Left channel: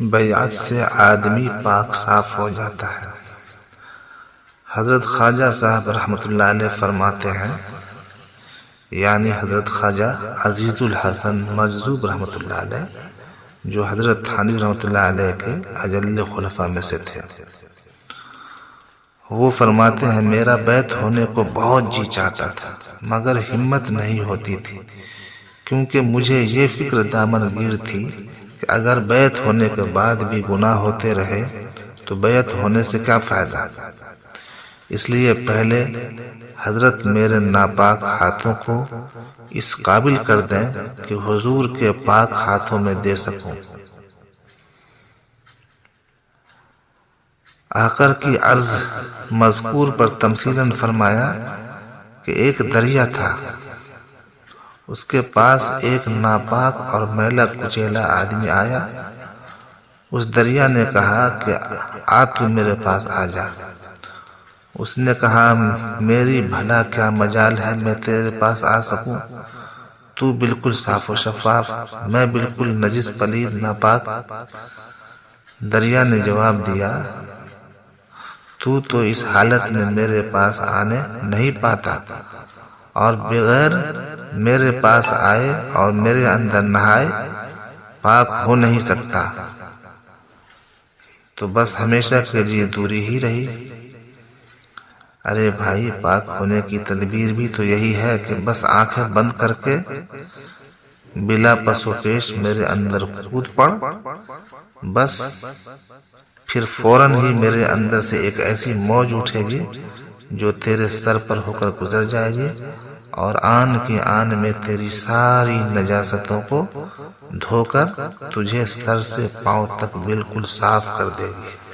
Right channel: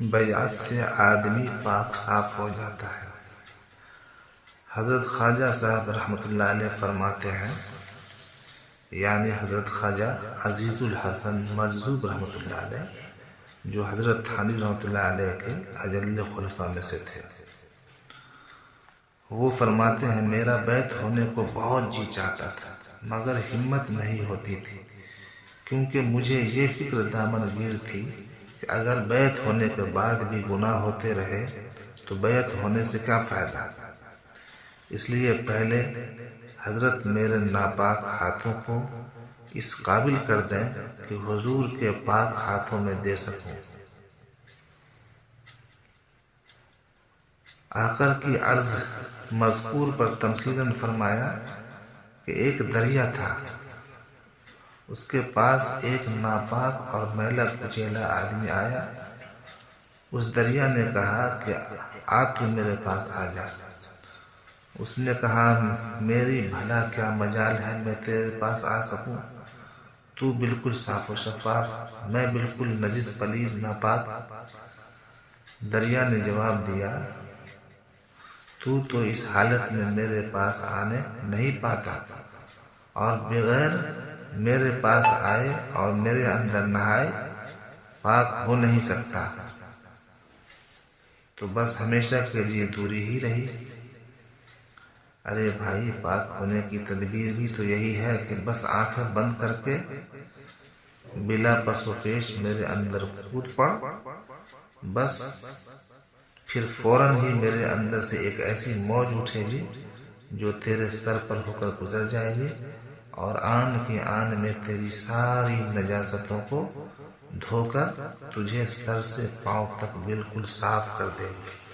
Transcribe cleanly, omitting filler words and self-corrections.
بیعت سے آدمی پاک صاف ہو جاتا ہے۔ حضرت خواجہ صاحب رحمۃ اللہ علیہ فرماتے ہیں، یعنی حضرت خواجہ عزیز الحسن مجذوب رحمۃ اللہ علیہ، جو حضرت تھانوی رحمۃ اللہ علیہ کے اجل خلفاء میں سے تھے، وہ فرماتے ہیں میرا بیعت ہونے کو بہت جی چاہتا تھا مگر ہمت نہیں ہوتی تھی، کیونکہ مجھے یہ فکر دامن گیر تھی کہ اگر بیعت ہونے کے بعد بھی گناہ ہوتے رہے تو بیعت ہونے سے کیا فائدہ۔ اس لیے پہلے حضرت میرے ناپاک ہاتھوں کو اس قابل کر دیں کہ حضور کے پاک ہاتھوں میں دے سکوں۔ آقر کی عرض مذکور پر تمثیلاً فرمایا کہ ایک دریا تھا، اس کے پاس ایک ناپاک اور میلا کچیلا آدمی آیا۔ اس دریا نے کہا کہ آ تو میرے پاس آ جا۔ اس نے کہا میری بھلا کیا مجال ہے میں تیرے پاس آ سکوں، تو بالکل صاف و شفاف، میں بالکل نجس پلید ناپاک۔ دریا نے جواب دیا تو اس حالت میں میرے پاس آنے نہیں پاتا اور بغیر میرے پاس آئے اور میرے اندر نہائے پاک ہو نہیں سکتا، تو بس ہمیشہ کے لیے دوری ہی رہی۔ ارے بھائی، پاک ہونے کی تدبیر بھی تو یہی ہے کہ بس آنکھیں بند کر کے بلا پس و پیش میرے اندر کود پڑ، بس پھر فوراً ہی میرے اندر سے ایک ایسی موج اٹھے گی جو تیرے سر پر ہو کر گزر جائے گی اور آن کی آن میں تیری ساری نجاستوں کو دھو کر تجھے سر سے پاؤں تک بالکل صاف کر دے گی۔